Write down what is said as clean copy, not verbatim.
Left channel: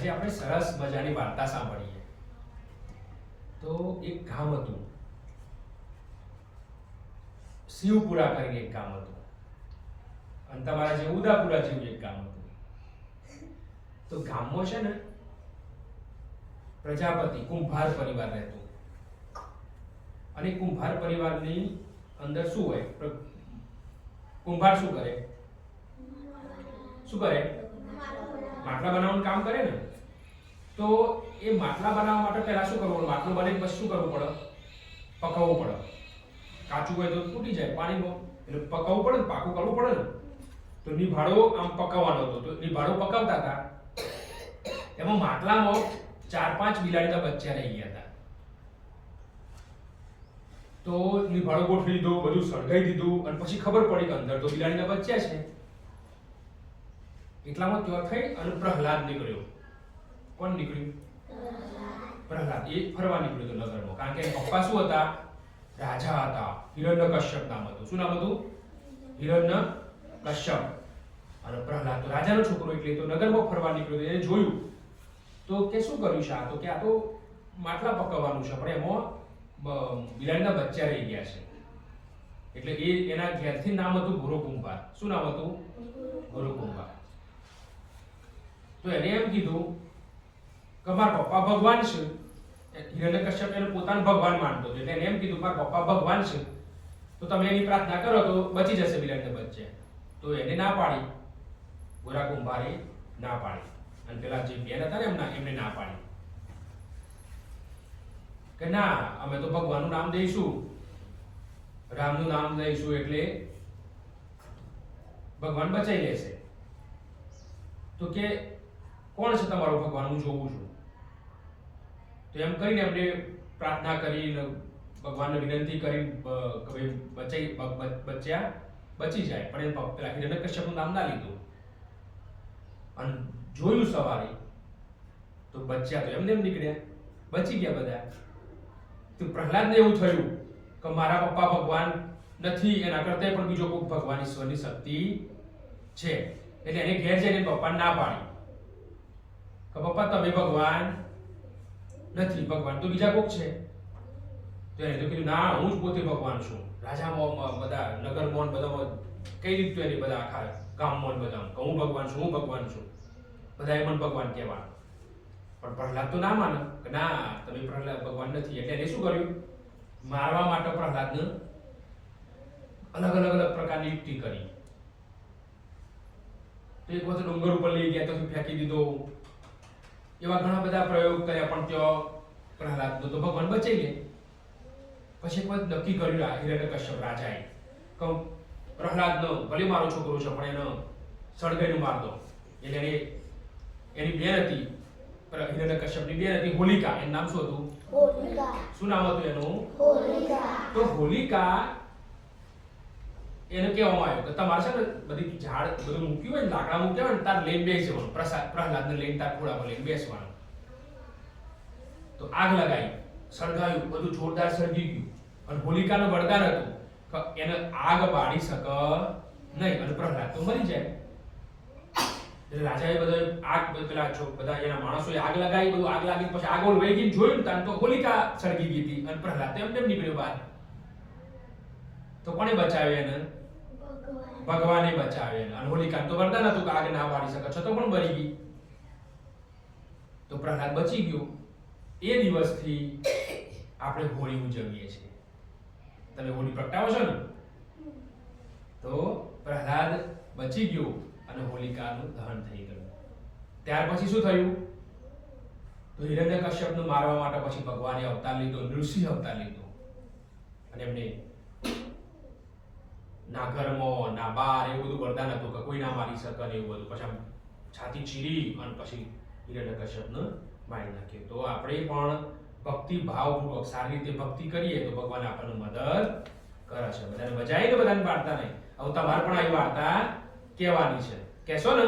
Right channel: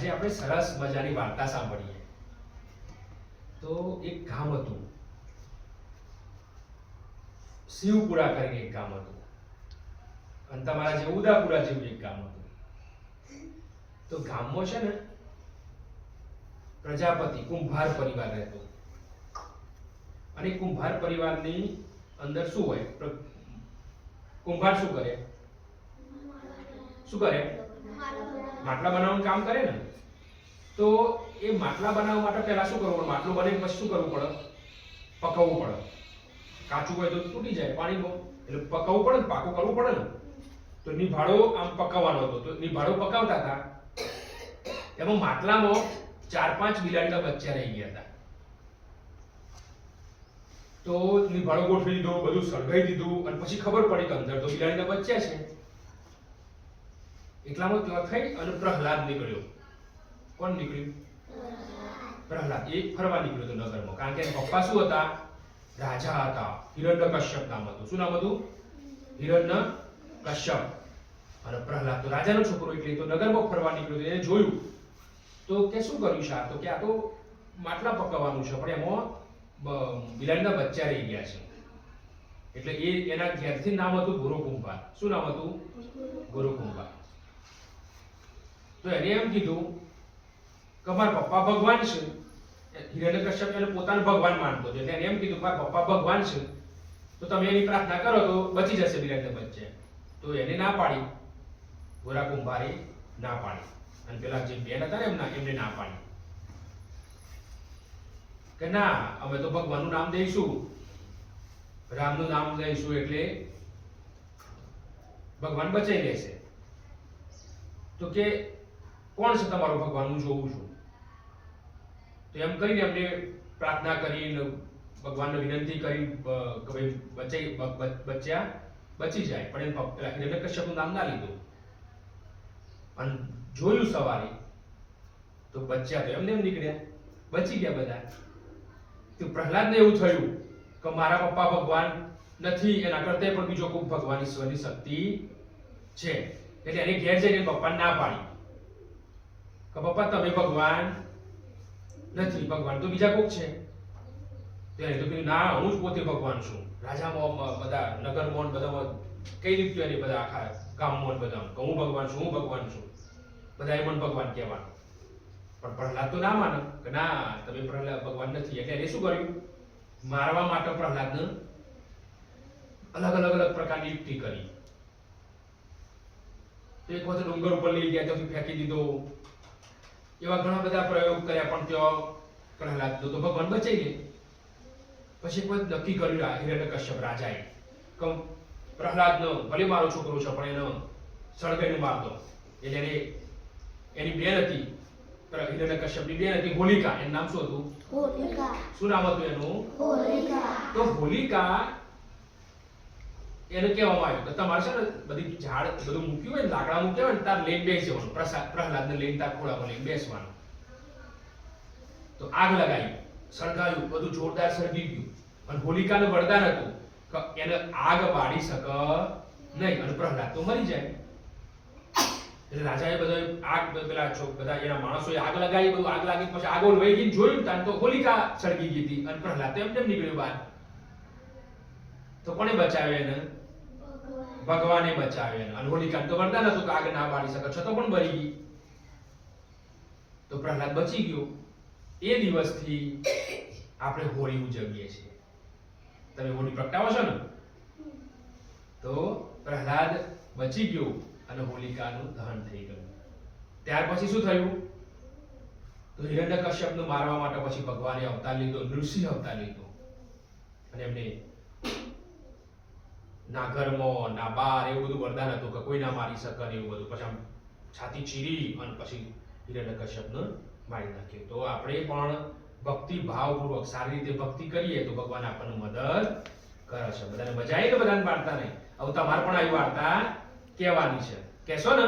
આજે આપણે સરસ મજાની વાર્તા સાંભળીએ. તો એક ગામ હતું, શિવપુરા કરીને એક ગામ હતું, અને તમારા જે ઉદાપુરા જેવું એક ગામ હતું. તો ગામમાં છે ને પ્રજાપતિ કુંભાર પરિવાર રહેતો, અને કુંભાર પરિવારની અંદર શું હોય? કુંભાર શું કરે? માટલા બનાવવાનું કામ કરે ને. તો એ માટલા બનાવવા માટે પહેલા શું કરવું પડે? માટલું બને પછી શું કરવું પડે? પકવવું પડે. કાચું હોય તો તૂટી જાય પાણીમાં, એટલે પકવવું પડે ને, પાકું કરવું પડે ને. તો નિભાળો આમ પકવવાનો હતો, તો નિભાળો પકાવતા હતા. એમાં માટલામાં 4-5 બિલાડીના બચ્ચા રહી ગયા હતા. તો નિભાળો ગોઠવી દીધો, બધું સળગાઈ દીધું, અને પછી ખબર પડી કે અંદર તો બિલાડીના બચ્ચા છે. એટલામાં કેવા થઈ અને પ્રહલાદ નીકળ્યો. કોણ નીકળ્યું? પ્રહલાદ. એ ફરવા નીકળ્યો હતો નગરમાં, કારણ કે પપ્પા શું હતા? રાજા હતા. હિરણ્યકશ્યપ નામ હતું. શું નામ હતું? હિરણ્યકશ્યપ. અને પ્રહલાદ તો રાજાનો છોકરો, એટલે તો નગરમાં ફરવા નીકળ્યો. એને જોયું તો કે શું કર્યું છે? તો કે આ તો માટલા પકવવાનું છે, પણ એમાં બિલાડીના બચ્ચા રહી ગયા છે. એટલે એના ઘેરથી નામ હતું ગુરુકુંભાર. શું નામ હતું? ગુરુકુંભાર. તો એને એમ કીધું કે મારા પપ્પા ભગવાન છે. હિરણ્યકશ્યપ એને પોતાનો ભગવાન માનતો હતો, એટલે એને એમ કીધું મારા પપ્પા ભગવાન છે, તો તમે એની પ્રાર્થના કરો તો બચી જશે બિલાડીના બચ્ચા. તો એને ના પાડી, ગુરુકુંભારે ના પાડી, અને પેલા જે બેન હતા ને એમને ના પાડી કે ના, અમે તો ભગવાનનું નામ દઈશું, રામનું નામ દઈશું, એટલે ભગવાન બચાઈ લેશે. તો કે કોણ છે તમારો ભગવાન? હું જોઉં છું. તો એમ કરીને એમને પ્રાર્થના કરીને ભગવાનને વિનંતી કરી કે બચ્ચા બચી જાય, પણ એ પેલા હિરણ્યકશ્યપનું નામ ના લીધું. અને જોયું સવારે તો બચ્ચા તો એમને એમ નીકળ્યા, બચી ગયા બધા. તો પ્રહલાદને એવું થયું કે મારા પપ્પા ભગવાન નથી, એના કરતા પણ બીજો કોઈ ભગવાન ઈશ્વરની શક્તિ છે. એટલે એને ઘેર જઈને પપ્પાને ના પાડી કે પપ્પા તમે ભગવાન નથી, ભગવાન તો બીજા કોક છે. તો એને તો કીધું ના, હું જ પોતે ભગવાન છું. રાજામાં બધા નગરમાં બધામાં કઈ રીતે એને બધા આખા ગામમાં બધા કે હું ભગવાન છું, હું ભગવાન છું, બધાએ મને ભગવાન કહેવાનું. પણ પ્રહલાદ તો ના માને કે ના, તમે પ્રહલાદ ભગવાન નથી. એટલે એને શું કર્યું? મારવા માટે પ્રહલાદને અલગ પ્રકારની યુક્તિ કરી. તો એક વખત ડુંગર ઉપર લઈ ગયા, તો ફેંકી દીધો. એવા ઘણા બધા પ્રયોગ કર્યા, પણ ત્યાં પ્રહલાદનો તો ભગવાન બચાઈ લે. પછી એક વખત નક્કી કર્યું હિરણ્યકશ્યપ રાજાએ કે પ્રહલાદનો ભલે મારો છોકરો છે, પણ એને સળગાઈને માર દો. એટલે એને એની બેન હતી, હિરણ્યકશ્યપની બેન હતી હોલિકા. એનું નામ શું હતું? હોલિકા. શું નામ હતું એનું? હોલિકા. તો હોલિકા એને કહેવામાં આવ્યું કે તમારે છે ને બધી ઝાડ બધું મૂક્યું હોય ને, લાકડા મૂક્યા હોય ને, તાર લઈને બેસવાનું, પ્રહલાદને લઈને તાર ખોળામાં લઈને બેસવાનું. તો આગ લગાવી, સળગાવ્યું, બધું જોરદાર સળગી ગયું. અને હોલિકાનું વરદાન હતું કે એને આગ બાળી શકે નહીં, અને પ્રહલાદ તો મરી જાય. એટલે રાજાએ બધા આગ પેલા બધા એના માણસોએ આગ લગાવી, બધું આગ લાગી, પછી આગ વહી ગઈ. જોયું તાન તો હોલિકા સળગી ગઈ હતી, અને પ્રહલાદ તો એમ નીકળ્યો બહાર. તો કોને બચાવ્યો એને? ભગવાને બચાવ્યો એને. અને હોલિકા તો વરદાન હતું કે આગ ના બાળી શકે, છતાં પણ બળી ગઈ. તો પ્રહલાદ બચી ગયો. એ દિવસથી આપણે હોળી ઉજવીએ છીએ. તમે હોળી પ્રગટાવો છો ને? તો પ્રહલાદ બચી ગયો અને હોલિકાનું દહન થઈ ગયું. ત્યાર પછી શું થયું? તો હિરણ્યકશ્યપને મારવા માટે પછી ભગવાને અવતાર લીધો, નૃસિંહ અવતાર લીધો. અને એમને ના ઘરમાં ના બહાર એવું બધું વરદાન હતું કે કોઈ ના મારી શકે ને એવું બધું. પછી આમ છાતી ચીરી અને પછી હિરણ્યકશ્યપને મારી નાખ્યો. તો આપણે પણ ભક્તિ ભાવપૂર્વક સારી રીતે ભક્તિ કરીએ તો ભગવાન આપણને મદદ કરે છે. બધાને મજા આવી ને? બધાને વાર્તા નહીં. હવે તમારે પણ આવી વાર્તા કહેવાની છે. કહેશો ને?